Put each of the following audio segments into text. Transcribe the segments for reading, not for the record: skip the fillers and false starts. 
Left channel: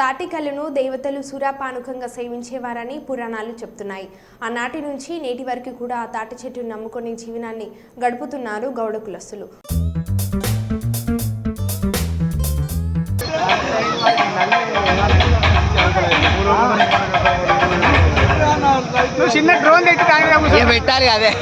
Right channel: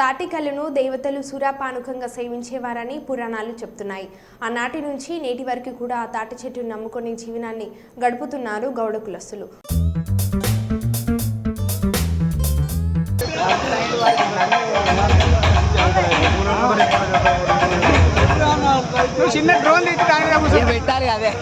తాటికల్లును దేవతలు సురాపానుకంగా సేవించేవారని పురాణాలు చెప్తున్నాయి. ఆనాటి నుంచి నేటి వరకు కూడా ఆ తాటి చెట్టును నమ్ముకొని జీవనాన్ని గడుపుతున్నారు గౌడ కులస్తులు. పెట్టాలి అదే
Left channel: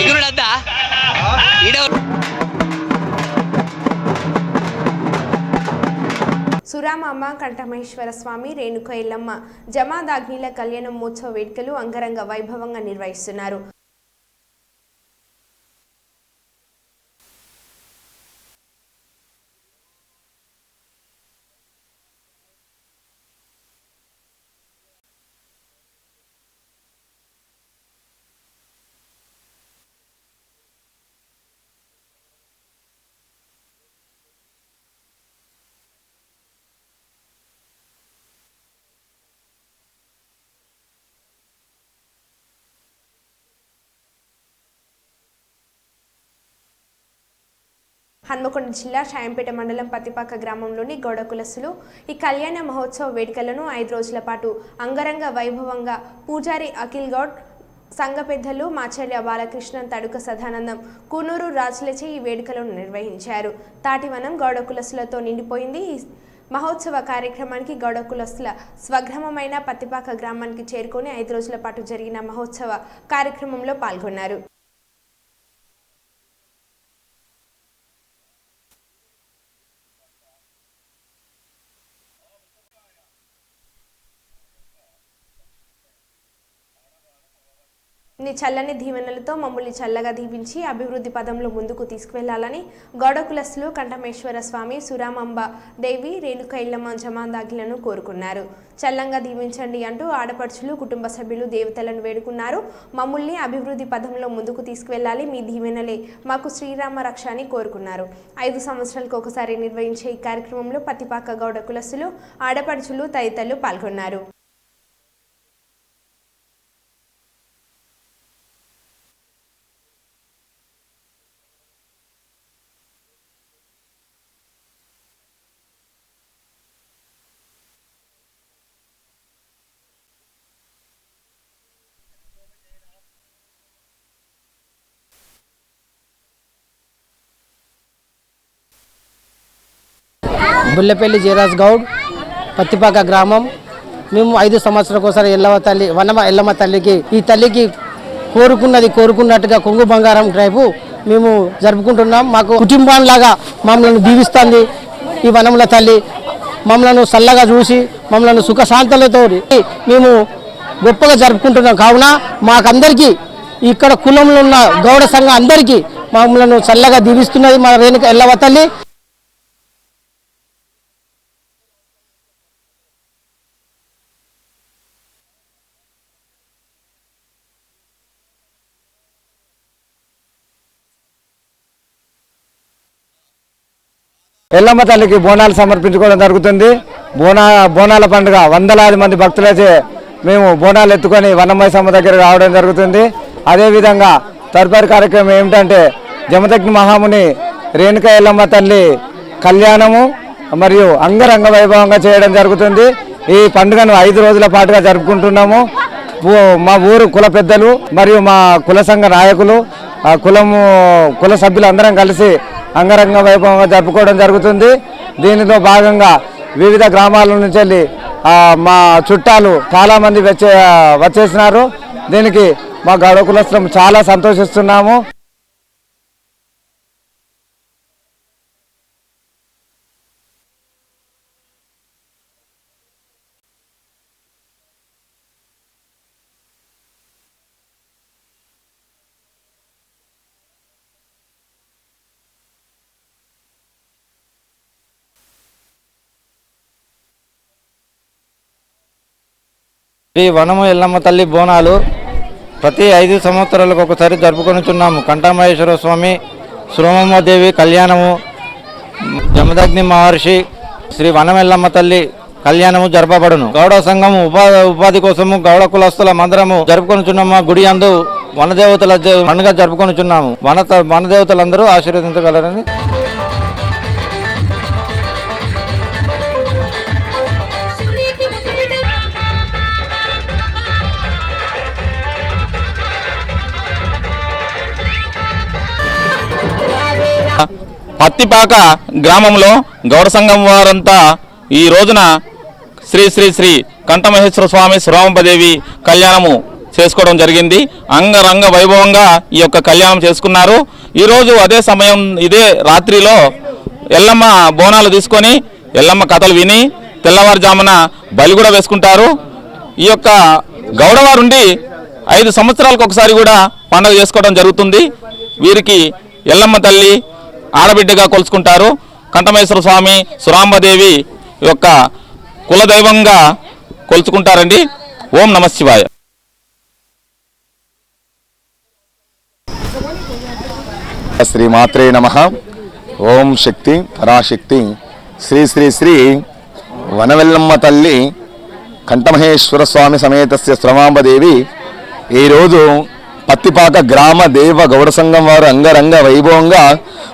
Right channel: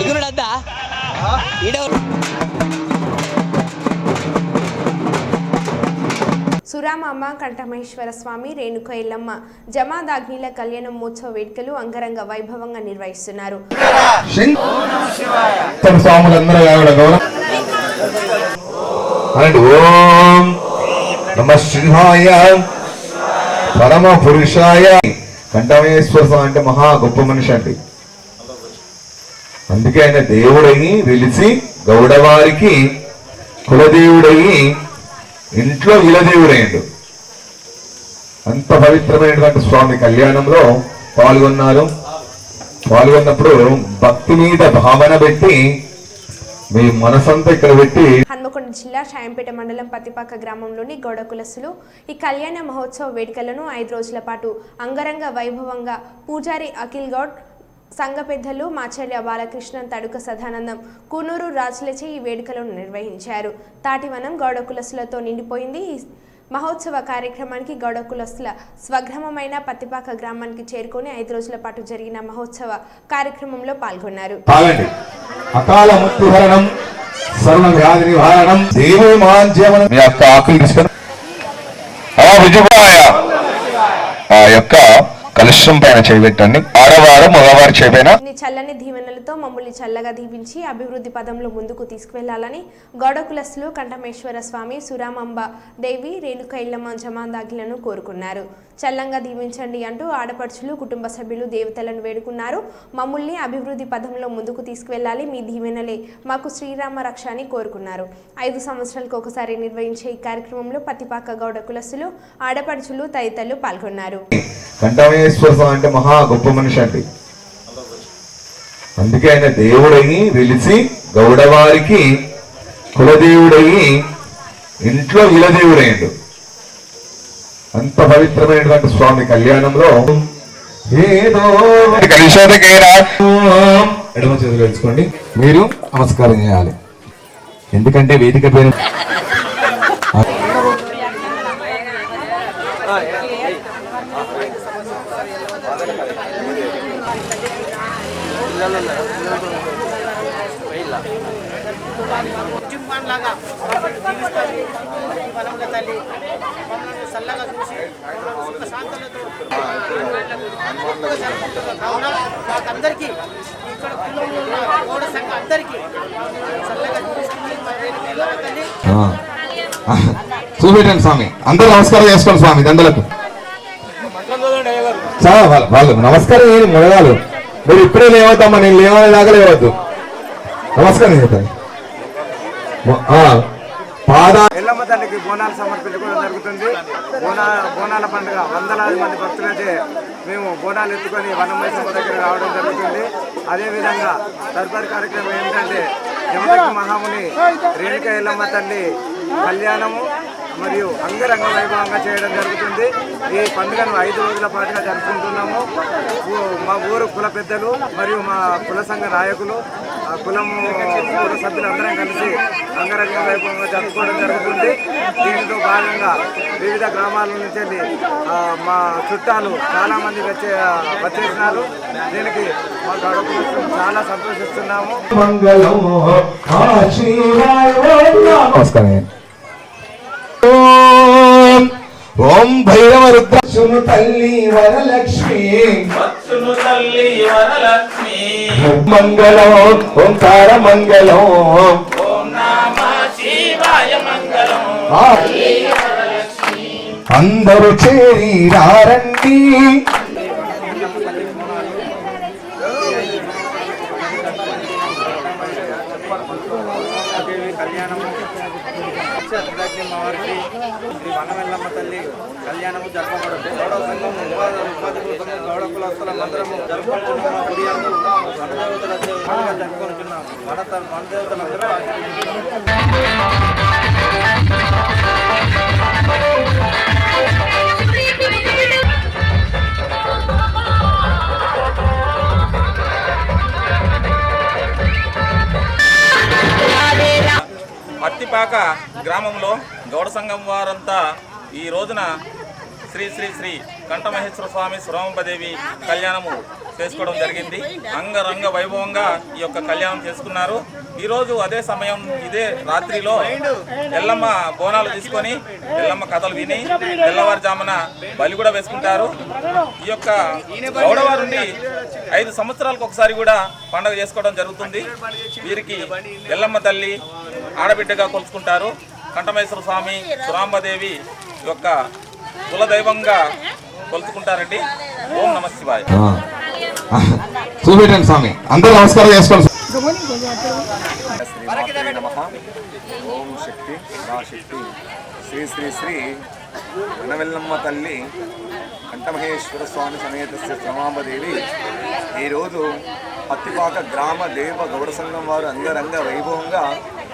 ఎగురుడద్దా సురామాంబ కంఠమహేశ్వర స్వామి రేణుక ఎల్లమ్మ జమాదాగ్నిల కళ్యాణ మహోత్సవ వేడుకలు అంగరంగ వైభవంగా నిర్వహిస్తున్నారు. ఓం నమః శివాయ పరమ పురుషాయ. కంఠమహేశ్వర స్వామి అంటే మహా గొప్ప మనిషి అండి. అందుకే ఆయన దేవుడయి వెలిసి గౌడవారికి కులదేవుడయి ఇంట్లో ఇలదేవుడయ్యాడు. అంత పవిత్రమైనటువంటి స్వామి కళ్యాణంలో పాల్గొన్నప్పుడు భక్తి మీద భావన పెట్టి మీ మనసంతా ఇక్కడ పెట్టి. హన్మకొండ జిల్లా షాయంపేట మండలం పత్తిపాక గ్రామంలోని గౌడ కులస్తులు ఈ కళ్యాణ మహోత్సవ వేడుకలను 5 రోజుల పాటు అంగరంగ వైభవంగా పూజారి అఖిల్ గౌడ్, సంఘ పెద్దలు మాచర్య బాలకృష్ణన్, తడుక సదానందం, కూనూరు రాజులచే ఈ వేడుకలను నిర్వహించారు. తాటివనం గౌడ కులస్తులతో నిండిపోయింది. ఈ మహోత్సవ కార్యక్రమానికి గౌడ కులస్తుల స్వగ్రామమైన పత్తిపాక గ్రామానికి చేరుకొని 5 రోజుల పాటు జరిగిన మహోత్సవ కార్యక్రమంలో పాల్గొన్నారు. అకాల మృత్యుహరణం, సర్వ వ్యాధి నివారణం, దేవమాంజవనం. మీ యొక్క ఆకులు తీసుకొని ఆ యొక్క కలుషం పైన చేయబెట్టండి. ఆడవారు మగవారు చేయబైన నీ చల్లని దీవెనలతో మమ్మల్ని చల్లగా దీవించి అభివృద్ధి పదంలో ముందుకు తీసుకువెళ్లాలని గౌడ కులస్తులు కంఠమేశ్వర స్వామి, సురామాంబ దేవి, రేణుక ఎల్లమ్మ జమాదాగ్లను కోరుకున్నారు. చల్లంగా దీవించండి అంటూ ఆడపడుచులు, కుటుంబ సభ్యులు దేవతలను వేడుకున్నారు. మమ్మల్ని అభివృద్ధి పదంలో ముందుకు తీసుకువెళ్లాలి, మీ దీవెనలే మాకు శ్రీరామ రక్ష అని కోరుకున్నారు. 5 సంవత్సరాలకు ఒకసారి నిర్వహించే ఈ కార్యక్రమంలో పత్తిపాక గౌడ కులస్తులు, ఆడపడుచులు తదితరులు పాల్గొన్నారు. కంఠమేశ్వర స్వామి అంటే మహా గొప్ప మనిషి అండి. అందుకే ఆయన దేవుడయి వెలిసి గౌడవారికి కులదేవుడయి ఇంట్లో ఇలదేవుడయ్యాడు. అంత పవిత్రమైనటువంటి స్వామి కళ్యాణంలో ఏదో ఎడమ చేతులు వేసుకోండి. మీరు నమస్కారం చేయాలి. ఎందుకంటే వేదిక పేరు బుల్లెపల్లి జయరాజ్ గౌడ్, పత్తిపాక గ్రామం. మేము 5 సంవత్సరాలకు ఒకసారి ఎల్లమ్మ తల్లికి ఈ తల్లికి కోరుకున్నట్టుగా కొంగు బంగారం డ్రైవ్ మేము జరుపుకుంటున్నాం. మాకు కుటుంబంలాగా మమ్మల్ని దీవిస్తుంది ఈ వనముల తల్లి. మమ్మల్ని చల్లగా చూసి మమ్మల్ని సుఖశాంతులతో మేము గొప్పగా జరుపుకుంటున్నాం. కావున మాకందరికీ ఇక్కడ కులంలో ఉన్న గౌడ సంఘం అందరికీ మమ్మల్ని చల్లగా దీవిస్తున్నది మా రేణుక ఎల్లమ్మ తల్లి. చూపెట్టండి స్వామి, అందరూ నమస్కారం చేసుకోండి స్వామి దండలకు. వాళ్ళు నమస్కారం ఏమి మొదలాలు, మీరు ఇప్పుడే లేవద్దమ్మా, నేను లేవనేదాకా లేవద్దు. నమస్కారం చెప్పండి. ఎల్లమ్మ తల్లికి బోనాలు సమర్పించుకోవడం జరుగుతుంది. బోనాల పండుగ వందలాది మంది భక్తులచే మేము బోనాలు ఎత్తుకొని వనమైసమ్మ దగ్గర రావడం జరుగుతుంది. అదేవిధంగా తదుపరి కార్యక్రమం ఏమిటంటే జమదగ్ని మహాముని రేణుక ఎల్లమ్మ తల్లి కళ్యాణము మరియు అంగరంగ వైభవంగా చేయడం జరుగుతుంది. ఈ పండుగను 5 రోజుల పాటుగా జరుపుకుంటున్నాము. మా ఊరు కుల పెద్దలు మరియు మా కుల సంఘ నాయకులు, కుల సభ్యులు అందరం కలిసి అంగరంగ వైభవంగా జరుపుకోవడం జరుగుతుంది. దీనితో భాగంగా వివిధ గ్రామాల నుంచి వెళ్ళి మా చుట్టాలు చాలా మంది వచ్చేసినారు. దీనికి మా గౌడ కులస్తులం చాలా సంతోషిస్తున్నాము. ఓం భైరవ రుద్రక్షును తల్లి వరలక్ష్మి, మంగళం ఓంకార మంగళం, అందరూ చేరి రండి. ఈ వనము ఎల్లమ్మ తల్లి బోనాలు ప్రతి 5 సంవత్సరాలకు ఒకసారి జరుపుకొనుచున్నాము. కంఠమహేశ్వర స్వామి సురమాంబదేవి కళ్యాణము, జమదగ్ని మహర్షి, శ్రీ వనమెల్లమ్మ తల్లి కళ్యాణము జరపబడును. గౌడ సంఘము ఉపాధి కోసము గౌడ కులస్తుల మందిరము జరుపుకొనుచున్నాము. గుడి అందు వనదేవతల పండుగ జరుపుకొనుచున్నాము. వనదేవతలందరూ ఆశీర్వదించగలరని పత్తిపాక గ్రామంలో గౌడ సంఘం వారంతా ఈ రోజున శ్రీ శ్రీ శ్రీ కంఠమహేశ్వర స్వామి సురమాంబదేవి కళ్యాణము చేసుకోవడం జరిగింది. అంగరంగ వైభవంగా ఈ యొక్క కళ్యాణం చేసుకున్నారు. ఈరోజు అదే సమయం ఇదే రాత్రిలో ఎల్లమ్మ బోనాలు తీసుకొని ఎల్లమ్మ కథలు విని తెల్లవారుజామున బలి కూడా వేసుకుంటారు. ఈ యొక్క గౌడవారుండి 5 సంవత్సరాలకు ఒకసారి కూడా పండుగ చేసుకోవడం జరుగుతుంది. వీరికి ఎల్లమ్మ తల్లి ఆడబిడ్డగా కొలుచుకుంటారు. కంఠమహేశ్వర స్వామి సురాంబదేవి యొక్క కులదైవంగా కొలుచుకుంటారండి. ఓం నమ శివాయ. చూపెట్టండి స్వామి, అందరూ నమస్కారం చేసుకోండి. శ్రీ మాత్రే నమః. ఓం శక్తి పరాశక్తి శ్రీ శ్రీ శ్రీ వనవెల్లమ్మ తల్లి కంఠమహేశ్వర స్వామి సమేతస్య సురమాంబదేవి ఈరోజు పత్తిపాక గ్రామ దేవ గౌడ సంఘం వారు అంగరంగ వైభవంగా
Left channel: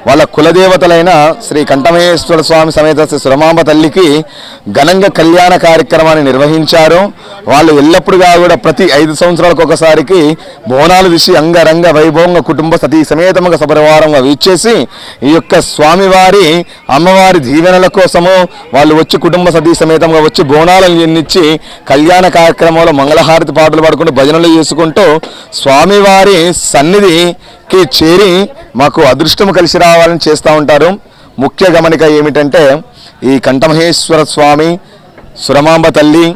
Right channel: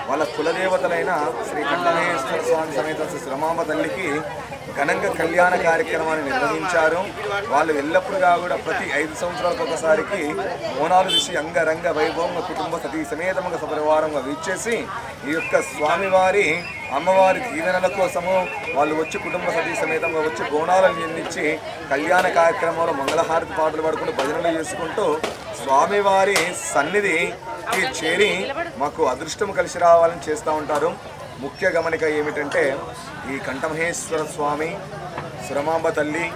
వాళ్ళ కులదేవతలైన శ్రీ కంఠమహేశ్వర స్వామి సమేత సురమాంబ తల్లికి ఘనంగా కళ్యాణ కార్యక్రమాన్ని నిర్వహించారు. వాళ్ళు ఎల్లప్పుడుగా కూడా ప్రతి 5 సంవత్సరాలకు ఒకసారికి బోనాలు తీసి అంగరంగ వైభవంగా కుటుంబ సతీ సమేతంగా సపరివారంగా వీచేసి ఈ యొక్క స్వామివారి అమ్మవారి దీవెనల కోసము వాళ్ళు వచ్చి కుటుంబ సతీ సమేతంగా వచ్చి బోనాలను ఎన్నిచ్చి కళ్యాణ కార్యక్రమంలో మంగళహారతి పాటలు పాడుకుంటూ భజనలు చేసుకుంటూ స్వామివారి సన్నిధికి చేరి మాకు అదృష్టం కలిసి రావాలని చేస్తూ ఉంటారు. ముఖ్య గమనిక ఏమిటంటే ఈ కంఠమహేశ్వర స్వామి సురమాంబ తల్లి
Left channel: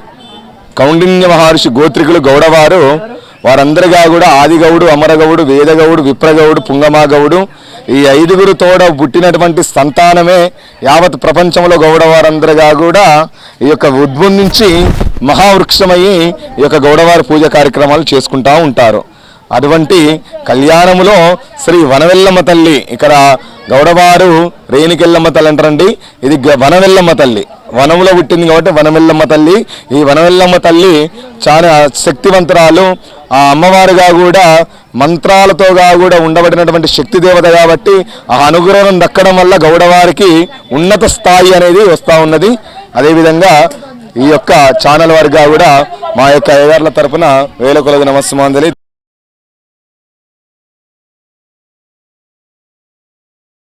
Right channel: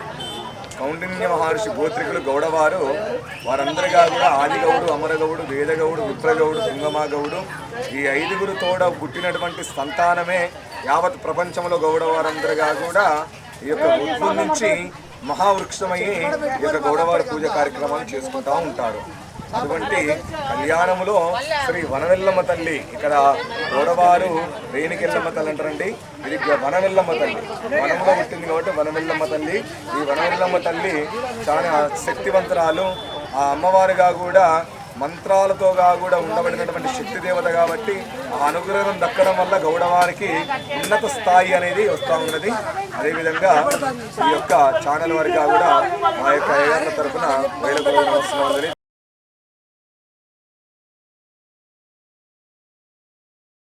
కౌండిన్య మహర్షి గోత్రికులు గౌడవారు వారందరిగా కూడా ఆదిగౌడు, అమరగౌడు, వేదగౌడు, విప్రగౌడు, పుంగమాగౌడు ఈ 5గురు తోడ పుట్టినటువంటి సంతానమే యావత్ ప్రపంచంలో గౌడవారందరిగా కూడా ఈ యొక్క ఉద్భవించి మహావృక్షమయ్యి ఈ యొక్క గౌడవారి పూజ కార్యక్రమాలు చేసుకుంటూ ఉంటారు. అటువంటి కళ్యాణములో శ్రీ వనవెల్లమ్మ తల్లి, ఇక్కడ గౌడవారు రేణికెల్లమ్మ తల్లి అంటారండి, ఇది వనవెల్లమ్మ తల్లి, వనములో పుట్టింది కాబట్టి వనవెల్లమ్మ తల్లి. ఈ వనవెల్లమ్మ తల్లి చాలా శక్తివంతురాలు. ఆ అమ్మవారుగా కూడా మంత్రాలతో కూడా ఉండబడినటువంటి శక్తి దేవత కాబట్టి ఆ అనుగ్రహం దక్కడం వల్ల గౌడవారికి ఉన్నత స్థాయి అనేది వస్తూ ఉన్నది. అదేవిధంగా ఈ యొక్క ఛానల్ వారిగా కూడా మా యొక్క అయ్యగారుల తరపున వేల కొలది నమస్సుమాంజలి.